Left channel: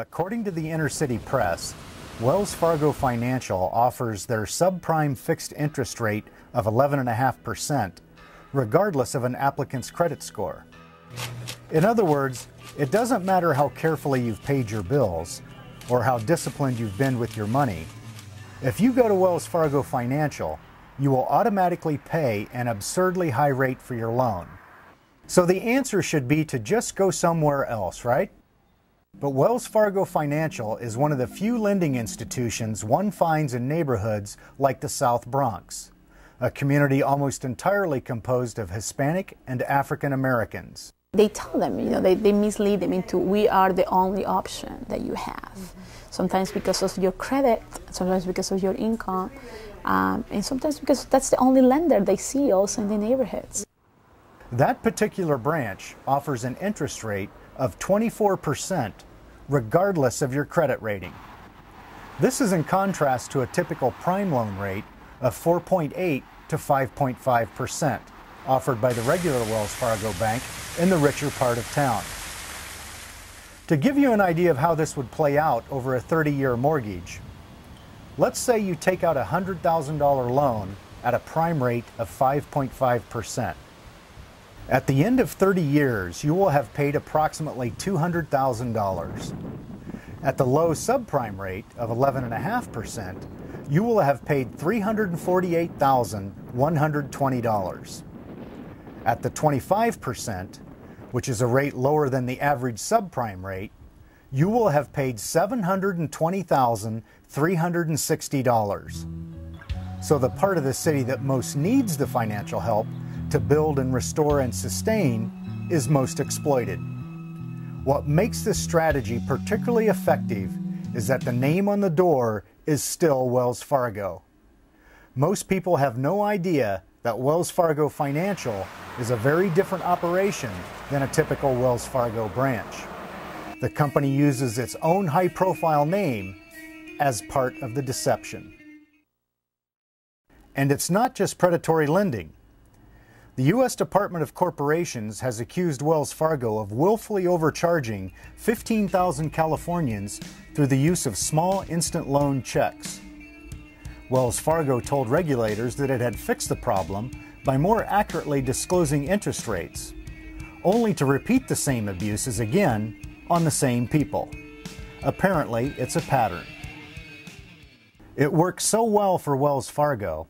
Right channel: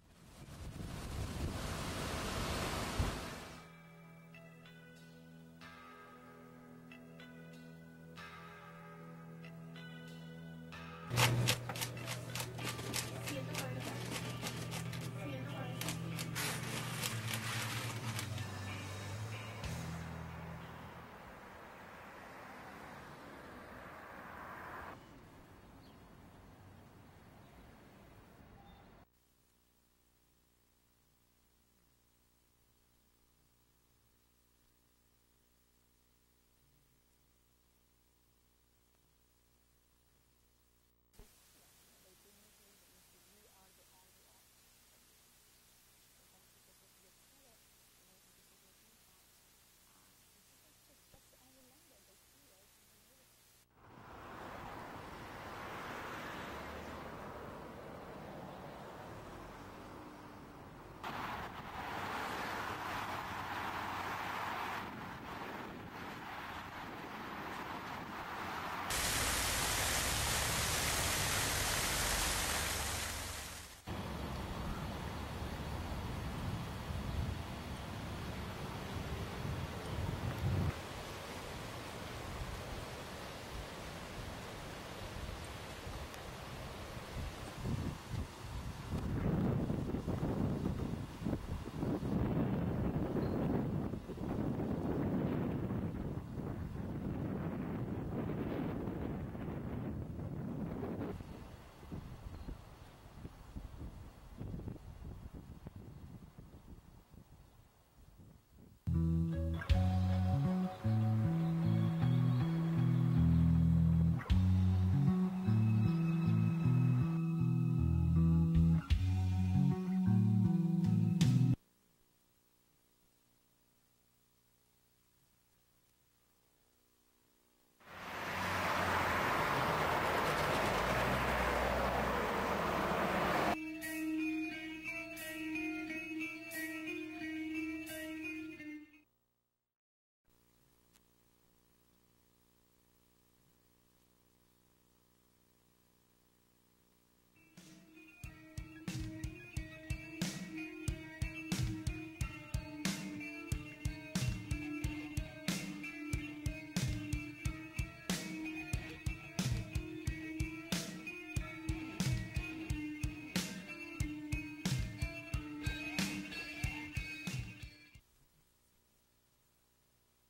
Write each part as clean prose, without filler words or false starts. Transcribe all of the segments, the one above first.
According to the Inner City Press, Wells Fargo Financial offers their subprime fixed interest rate of 11.5%, regardless of an applicant's credit score. In other words, it doesn't matter how carefully you've paid your bills or how disciplined you've been with your money. If you go to Wells Fargo Financial, you will automatically pay an absurdly high rate for your loan. So the answer should be to just go somewhere else, right? But Wells Fargo Financial is one of the few lending institutions one finds in neighborhoods like the South Bronx, a community almost entirely composed of Hispanic and African Americans. They tell them, they mislead them into, we are the only option that you have. Sometimes because of your credit, sometimes because of your income, and sometimes because that's the only lender they see also in the neighborhoods. That particular branch offers an interest rate of 24%, regardless of your credit rating. This is in contrast to a typical prime loan rate of 4.8 to 5.5%, offered by the regular Wells Fargo Bank in the richer part of town. To give you an idea of how this would play out over a 30-year mortgage, let's say you take out a $100,000 loan at a prime rate of 5.5%. At the end of 30 years, you will have paid approximately $200,000. At the low subprime rate of 11.5%, you will have paid $348,120. At the 25%, which is a rate lower than the average subprime rate, you will have paid $720,360. So the part of the city that most needs the financial help to build and restore and sustain is most exploited. What makes this strategy particularly effective is that the name on the door is still Wells Fargo. Most people have no idea that Wells Fargo Financial is a very different operation than a typical Wells Fargo branch. The company uses its own high-profile name as part of the deception. And it's not just predatory lending. The U.S. Department of Corporations has accused Wells Fargo of willfully overcharging 15,000 Californians through the use of small instant loan checks. Wells Fargo told regulators that it had fixed the problem by more accurately disclosing interest rates, only to repeat the same abuses again on the same people. Apparently, it's a pattern. It worked so well for Wells Fargo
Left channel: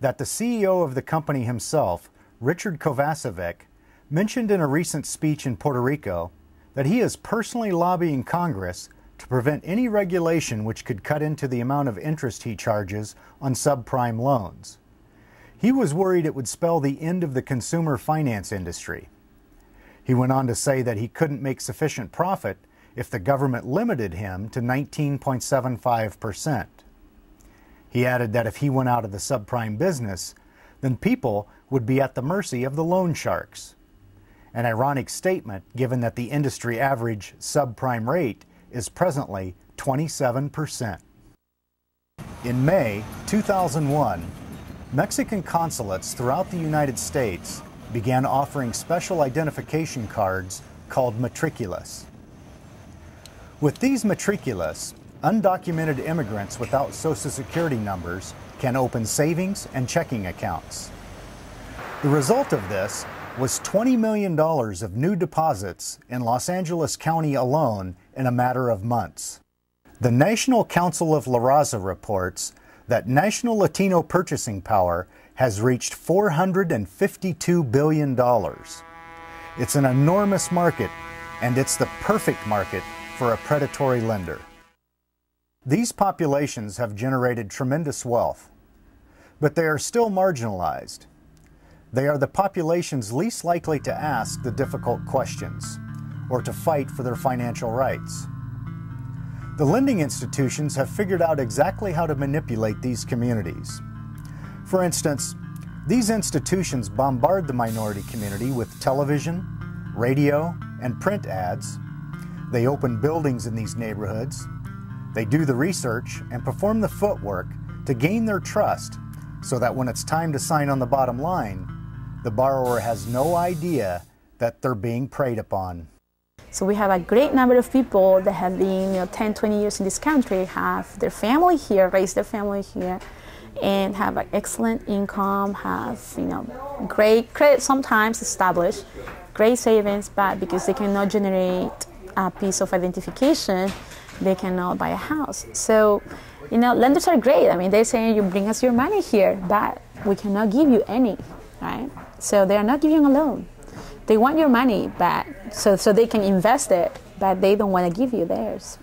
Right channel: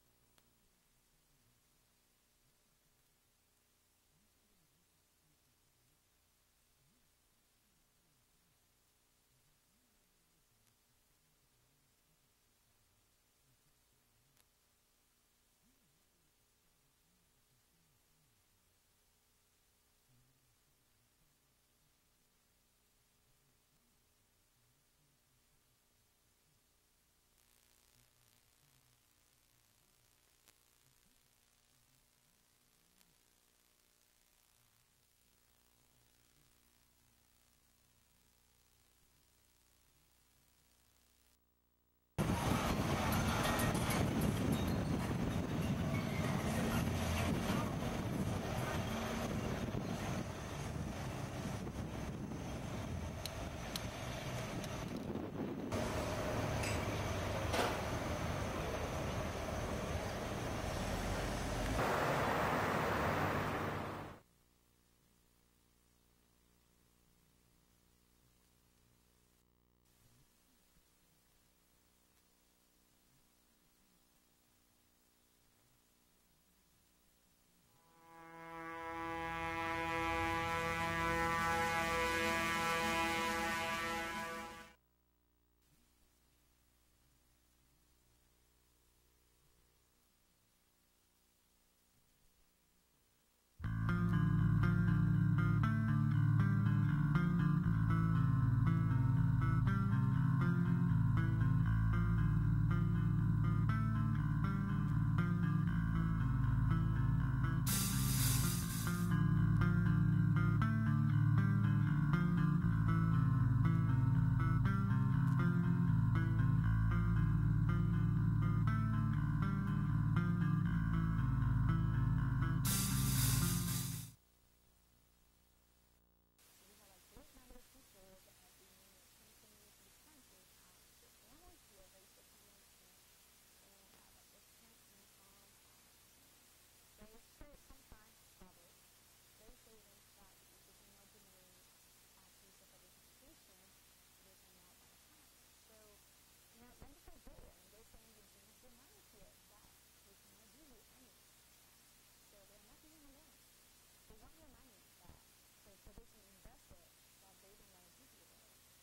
that the CEO of the company himself, Richard Kovacevic, mentioned in a recent speech in Puerto Rico that he is personally lobbying Congress to prevent any regulation which could cut into the amount of interest he charges on subprime loans. He was worried it would spell the end of the consumer finance industry. He went on to say that he couldn't make sufficient profit if the government limited him to 19.75%. He added that if he went out of the subprime business, then people would be at the mercy of the loan sharks. An ironic statement given that the industry average subprime rate is presently 27%. In May 2001, Mexican consulates throughout the United States began offering special identification cards called matriculas. With these matriculas, undocumented immigrants without Social Security numbers can open savings and checking accounts. The result of this was $20 million of new deposits in Los Angeles County alone in a matter of months. The National Council of La Raza reports that national Latino purchasing power has reached $452 billion. It's an enormous market, and it's the perfect market for a predatory lender. These populations have generated tremendous wealth, but they are still marginalized. They are the populations least likely to ask the difficult questions or to fight for their financial rights. The lending institutions have figured out exactly how to manipulate these communities. For instance, these institutions bombard the minority community with television, radio, and print ads. They open buildings in these neighborhoods. They do the research and perform the footwork to gain their trust so that when it's time to sign on the bottom line, the borrower has no idea that they're being preyed upon. So we have a great number of people that have been 10, 20 years in this country, have their family here, raised their family here, and have an excellent income, have great credit sometimes established, great savings, but because they cannot generate a piece of identification, they cannot buy a house. So, lenders are great. I mean, they're saying, you bring us your money here, but we cannot give you any, right? So they are not giving a loan. They want your money, but so they can invest it, but they don't want to give you theirs.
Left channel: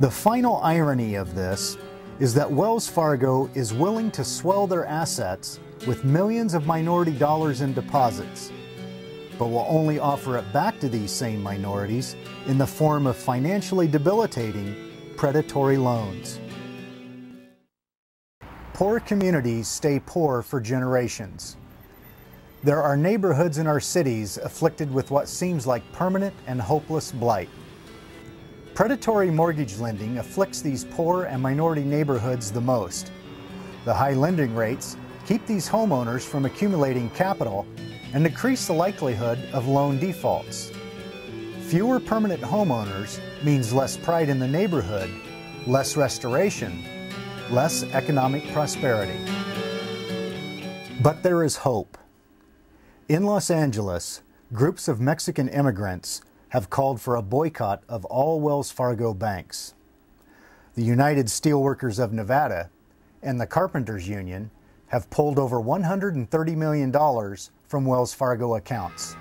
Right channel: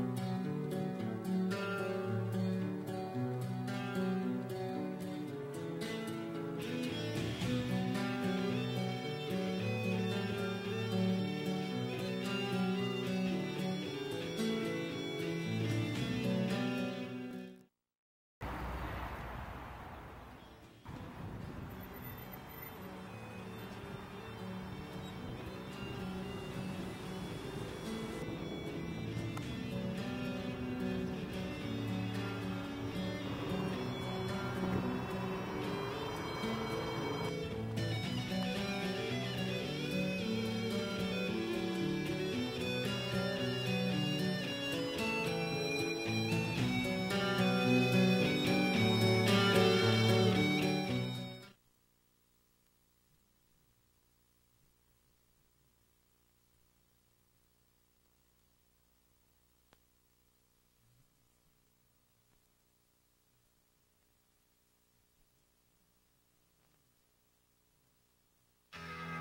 The final irony of this is that Wells Fargo is willing to swell their assets with millions of minority dollars in deposits, but will only offer it back to these same minorities in the form of financially debilitating predatory loans. Poor communities stay poor for generations. There are neighborhoods in our cities afflicted with what seems like permanent and hopeless blight. Predatory mortgage lending afflicts these poor and minority neighborhoods the most. The high lending rates keep these homeowners from accumulating capital and decrease the likelihood of loan defaults. Fewer permanent homeowners means less pride in the neighborhood, less restoration, less economic prosperity. But there is hope. In Los Angeles, groups of Mexican immigrants have called for a boycott of all Wells Fargo banks. The United Steelworkers of Nevada and the Carpenters Union have pulled over $130 million from Wells Fargo accounts.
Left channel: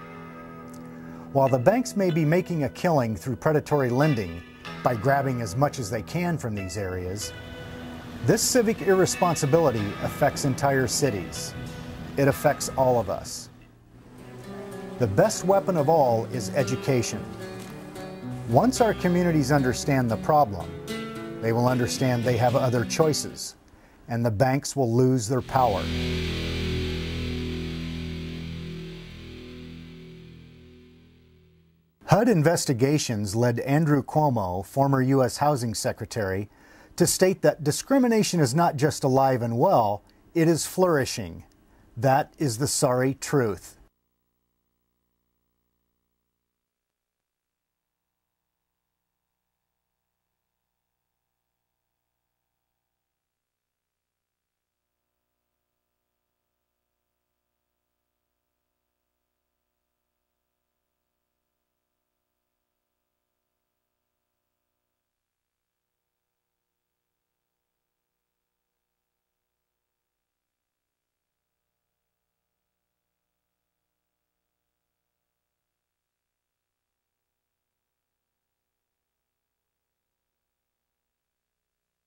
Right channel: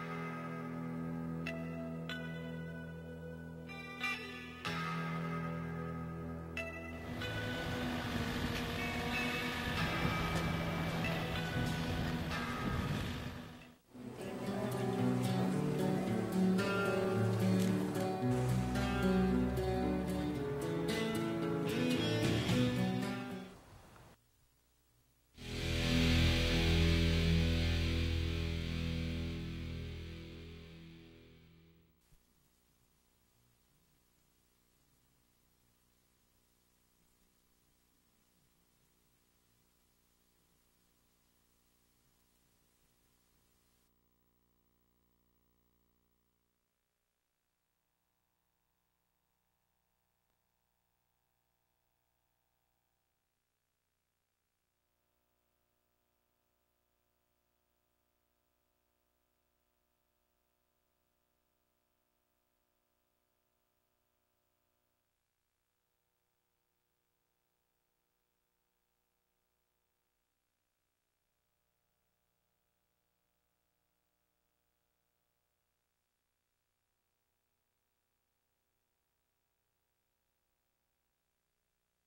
While the banks may be making a killing through predatory lending by grabbing as much as they can from these areas, this civic irresponsibility affects entire cities. It affects all of us. The best weapon of all is education. Once our communities understand the problem, they will understand they have other choices, and the banks will lose their power. HUD investigations led Andrew Cuomo, former U.S. Housing Secretary, to state that discrimination is not just alive and well, it is flourishing. That is the sorry truth.